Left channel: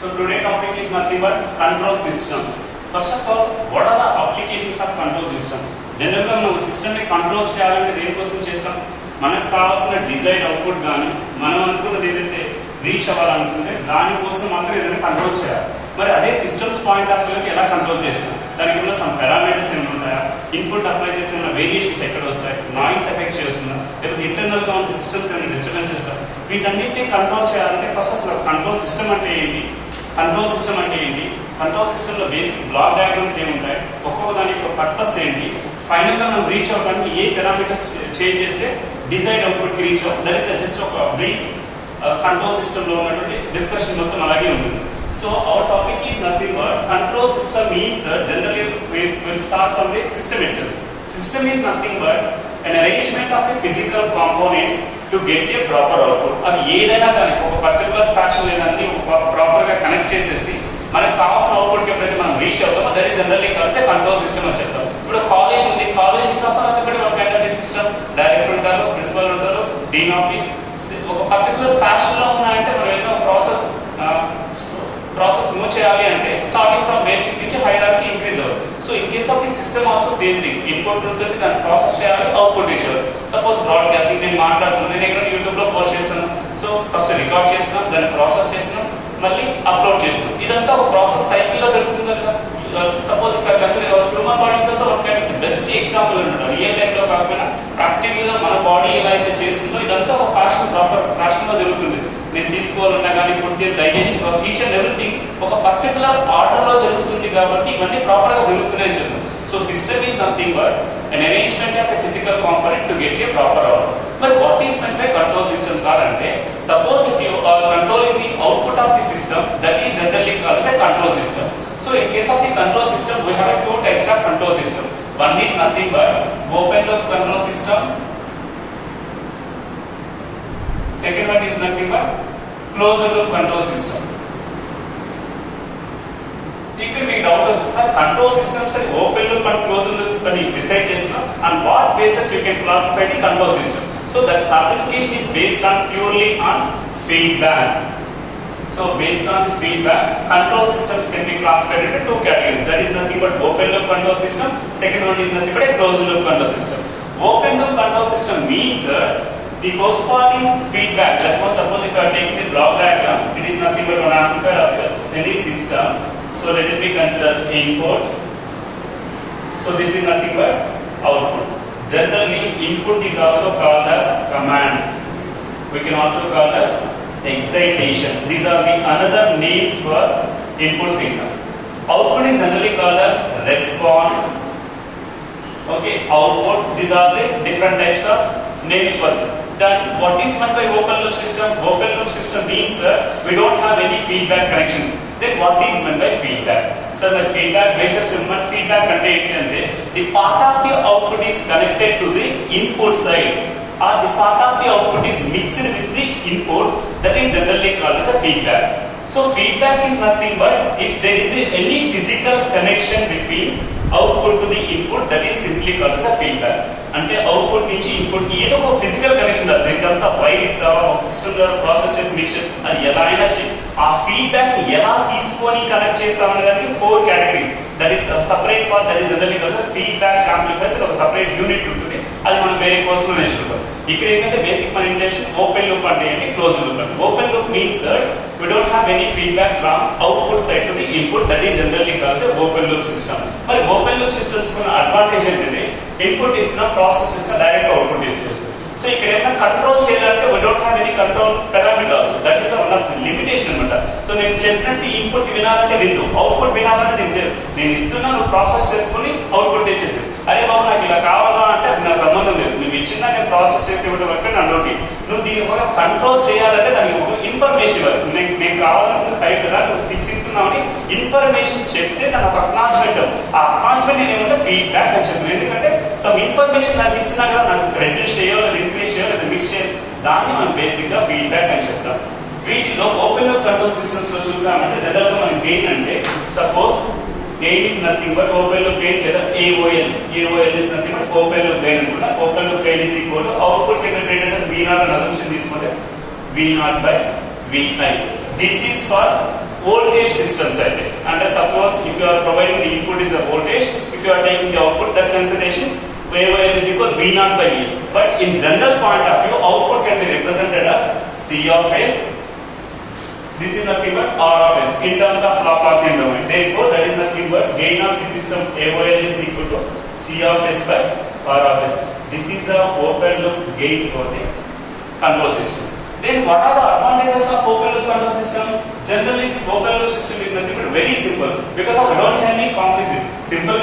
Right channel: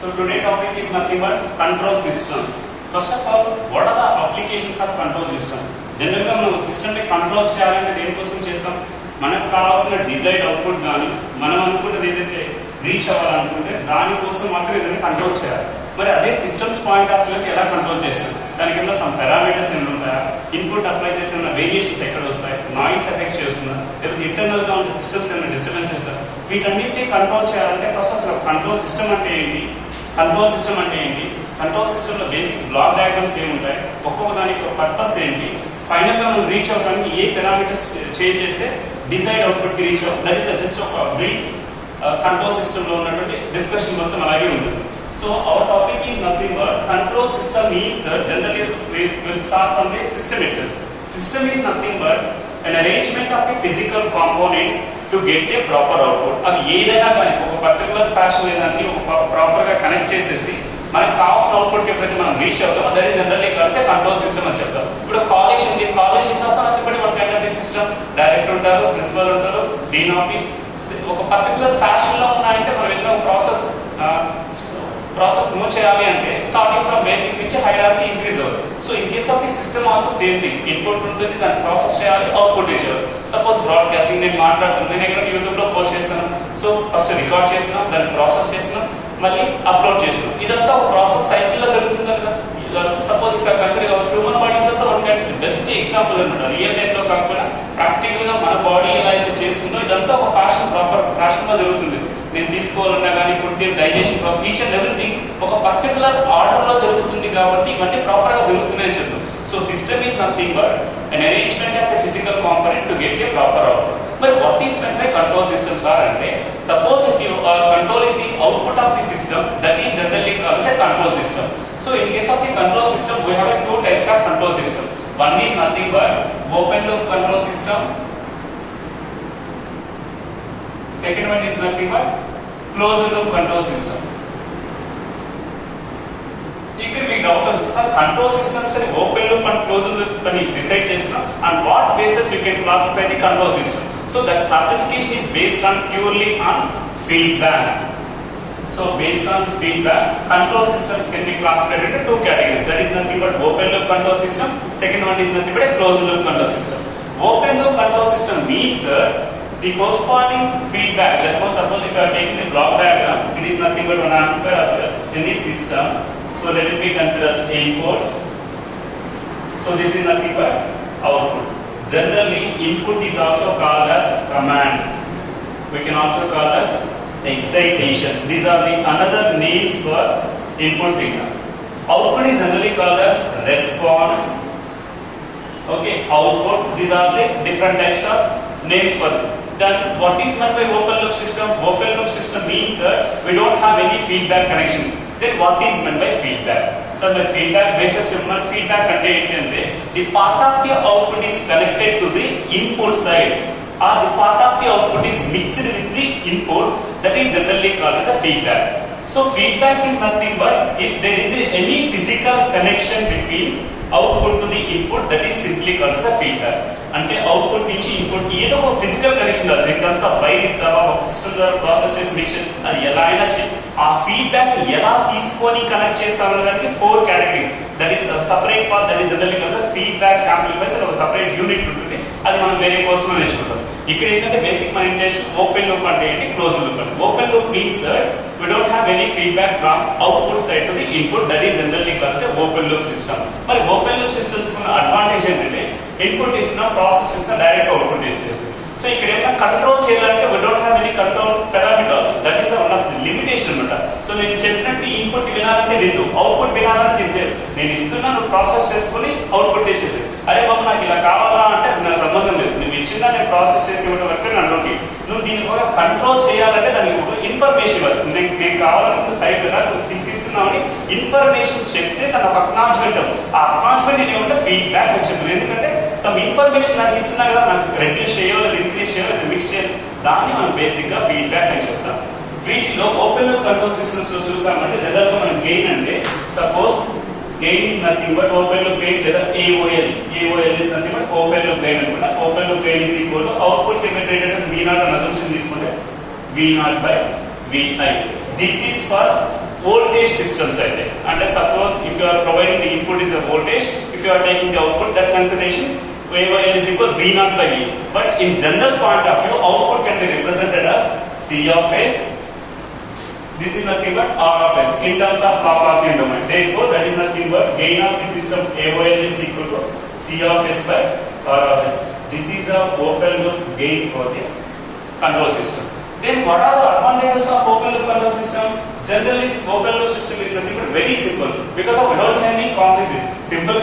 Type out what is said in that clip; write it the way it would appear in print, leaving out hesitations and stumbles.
So today topic is nothing but control systems. First of all, what are the applications of control system? జనరల్గా మనం సిస్టమ్ని control చేయాలంటే దేనికోసం చేస్తాం? మనకు కావాల్సిన డిజైర్ అవుట్పుట్ కానీ మనం అనుకున్నది ఏదైతే రీచ్ అవ్వాలనుకుంటే దానికోసం మాత్రం ఏదైనా కంట్రోల్ చేయాలి. మరి అదే సిస్టమ్స్ పాయింట్ ఆఫ్ వ్యూకి ఎలా కంట్రోల్ చేస్తాం? దానికి ఏమైనా సమ్ పారామీటర్స్ ఏమైనా ఉంటాయా? ఇన్పుట్ అప్లై చేసిన వేరియేషన్స్ ఎక్కడ వస్తాయి? నాయిస్ ఎఫెక్ట్ చేస్తుందా? లేకపోతే ఇంటర్నల్ గా ఉన్న సిస్టమ్స్ ఏమైనా డిస్టర్బెన్స్ చేస్తారా? వీటన్నిటిని కంట్రోల్ చేయాలంటే ఫస్ట్ అసలు కంట్రోల్ సిస్టమ్ అంటే ఏంటి? కంట్రోల్ సిస్టమ్ అంటే ఏంటి? కంట్రోల్ సిస్టమ్ లో బేసిక్ బ్లాక్ డయాగ్రామ్స్ ఏముంటాయి? ఒక్కొక్క దానికి ఒక పర్పస్ ఏంటి? ఫైనల్ గా మనం రీచ్ అవడానికి ఏ పారామీటర్స్ చేంజ్ చేస్తే డిజైర్డ్ అవుట్పుట్ కి రీచ్ అవుతుంది? దట్ ఈస్ జస్ట్ ఒక బ్రీఫ్ కంట్రోల్ సిస్టమ్ లో ఉన్నటువంటి డిస్కషన్ మొత్తం అలాగే ఉంటుంది. So our topic is nothing but control system means generally we will start from the system itself. System is nothing but an arrangement of the physical components to get a proper output. అది ఏదైనా కానీ ఒక particular fashion ఏదంటే proper గా connect చేసేసి మనకు కావాల్సిన output ఎప్పుడైతే మనం రీచ్ అవుతామో దట్ ఈస్ జనరల్లీ కలిసే కంట్రోల్ సిస్టమ్ అని చెప్తాం. ఇప్పుడు కాలేజ్ ఉంది, college is also nothing but one kind of system. Director ఉంటారు, ప్రిన్సిపల్ ఉంటారు, డీన్ ఆఫీస్. ఒక పర్టికులర్ ఫ్యాషన్ లో ఉన్నాయంటే మనం ఏదైనా ప్రాసెస్ మూవ్ చేయాలి అంటే స్టార్టింగ్ ఫ్రమ్ బేసిక్ నుంచి హైరార్కీ ఇంక్రీజ్ అవ్వదు. So in case of the system also same thing. Input ఉంటుంది, దాన్ని ప్రాసెస్ చేయాలి, అవుట్పుట్ రీచ్ అవ్వాలి. సపోజ్ బ్రాడ్కాస్టింగ్ నేను మాట్లాడుతున్నాను, నేను ఇక్కడ యూట్యూబ్ లో పోస్ట్ చేస్తాను. సో ఫస్ట్ రికార్డ్ చేస్తున్నాం, దాన్ని ప్రాసెస్ చేస్తున్నాం, మళ్ళీ అప్లోడ్ చేస్తున్నాం. ఇదంతా ఒక ప్రాసెస్ సైకిల్ లో జరుగుతుంది కదా. Suppose if I consider human body is also one kind of best example అనమాట. రియల్ లైఫ్ లో కాకపోయినా ప్రాక్టికల్ గా మన బాడీ ఎలా అయితే చేస్తుందో ఇదంతా ఒక ఫ్యాషన్, ప్రాపర్ ఫ్యాషన్ లో జరుగుతుంది. నేను తీసుకోవాలన్నా కానీ food digestion process each and everything ఒక పర్టికులర్ ఆర్డర్ లో జరుగుతుంది కాబట్టి ఇవన్నీ ప్రాపర్ గా జరుగుతున్నాయని చెప్పారు. So system is nothing but an arrangement of a physical component to get a proper output. But what is meant by control systems are ante, suppose if you are controlling the output of the system, that is generally called as a control system. So in case of the control system, we have two types of control system. One is nothing but open loop control system. Second one is nothing but closed loop control system. ఇక్కడ మీ doubt వస్తుంది, sir control systems అని open loop and close loop అని decide చేస్తున్నాం. And what basis we can classify the control system? So that classification is based on purely on feedback. So based on feedback, control systems can be classified into two categories. That is nothing but open loop control system. Second one is nothing but a closed loop control system. Open loop control system means the corresponding feedback. That was, suppose if you are taking the block diagram, it is nothing but one anchor of any system. So let it be considered input. So this is nothing but output. Generally, input is also called as command. We can also call as excitation. These are the another names for input signal. Output is generally called as response. Okay, output. These are the different types of names for them. Then what is meant by open loop system? Open loop system means we don't have any feedback connection. Then what is meant by feedback? So by feedback, basis human feedback contained the part of the output is connected to the input side, or the part of the output is mixed with the input. That is generally called as a feedback. So feedback is nothing but if there is any physical connection between output to the input, that is simply called as a feedback. అంటే output నుంచి input ఏదో ఒక physical connection కాదు. దీని కలిసి wire ఇస్తా, ఒక system ద్వారా ప్రాసెస్ చేసి మిక్సర్ అది ఎలా అయినా ఆ ఫీడ్బ్యాక్ ఎలా తీసుకొని కనెక్ట్ చేస్తామనే దానికి 4 categories. That is separate part, that is generally called feedback amplifiers. ఒక సపరేట్ యూనిట్ ఉంటుంది, అది మనం వేరే కోర్సులో నేర్చుకుంటాం. ఇక్కడ ఏంటంటే బేసిక్ మన ఇంటెన్షన్ ఓపెన్ లూప్ అంటే ఏంటి, క్లోజ్ లూప్ అంటే. Open loop means we don't have any feedback from output side to the input. That is generally called as open loop system. మరి ఓపెన్ లూప్ సిస్టమ్స్ ఉన్న advantage ఏంటంటే input ఇస్తున్న process ఇస్తున్న direct output ఇస్తుంది. So ఇక్కడ ఏమైనా control చేయాలంటే we don't have any control parameters. That is one of the limitation అనమాట. సో నేను చెప్పినట్టు ఇన్పుట్ వినాలంటే విందు, అవుట్పుట్ వినాలంటే నేను ఇస్తున్నా, నువ్వు ప్రాసెస్ చేసుకుని అవుట్పుట్ తెచ్చేసి అరే బాబు నాకు ఇలా కావాలా అంటే నాకు సంబంధం లేదు. నువ్వు ఇచ్చిందా నేను ప్రాసెస్ చేసి ఇవ్వడం వరకు నా నోటి. నువ్వు దీన్ని కూడా కంట్రోల్ చేయాలంటే దానికి ఒక ఇన్ఫర్మేషన్ ఇవ్వాలి. నేను కావాలనుకుంటే 5 కదా, నువ్వు 6 ఇస్తున్నావు ఇన్ఫర్మేషన్ చెప్తే దాని ఒక అక్నాలజ్మెంట్. ఆ అక్నాలజ్మెంట్ నేను ఏమంటే ఫీడ్బ్యాక్ అని చెప్పాను. ఎందుకంటే సమ్ ఇన్ఫర్మేషన్ నాకు ఇస్తున్నా కదా, నాకు రెడ్యూస్ చేయాలి, ఇంక్రీజ్ చేయాలి, మిక్స్ చేయాలి, దాన్ని మనం బేసిక్ గా ఫీడ్బ్యాక్ అని చెప్తాం. వీటిలో ఓపెన్ లూప్ కంట్రోల్ సిస్టమ్స్ లో చూసామంటే జనరల్ గా మనం గెయిన్ అంటే suppose gain is nothing but open loop gain లేదా AOL. AOL is nothing but open loop gain అనుకుంటా. Open loop gain is equal to output capacitated as V0 అని assumption తీసుకుంటే V0 by Vi. This is for voltage systems are there. And suppose if you are providing the input is a voltage, if you are taking the output, that consideration VOL is equal V naught by E. But in general point of view, output can be represented as C of S. This is nothing but R of S in terms of Laplacian domain. Therefore, that is nothing but gain of the system AOL is equal to C of S by R of S. This is a open loop gain for the control system. Then what are the advantages of open loop control system? Generally, this open loop system is nothing but very simple because we don't have any complexity. Simple